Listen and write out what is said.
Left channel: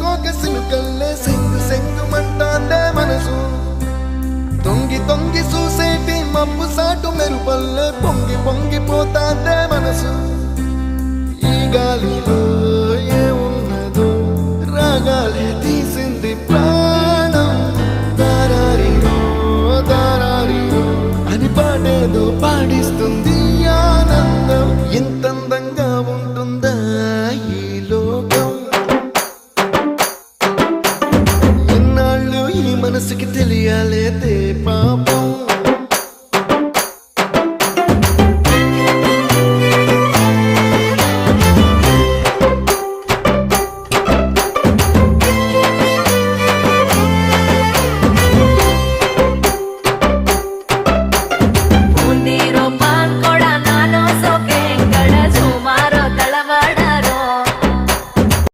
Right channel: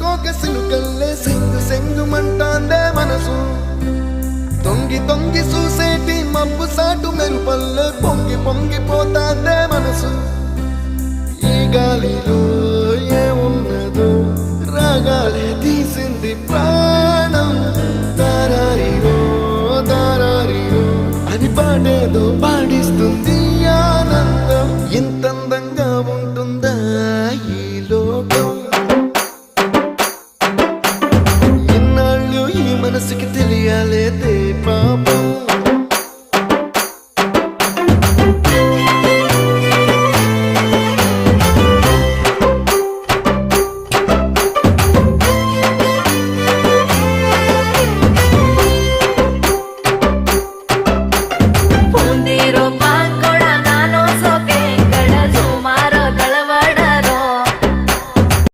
కోక సిలుకల్లే సెంగు సెంగు మంటాందే మనసు తొంగి తొంగి చూసేటి మబ్బు సాటు మెరుపల్లే పొంగి పొంగిపోతాందే మనసు ఈ గాలిలో ఏమున్నదో రాగాలే తీసింది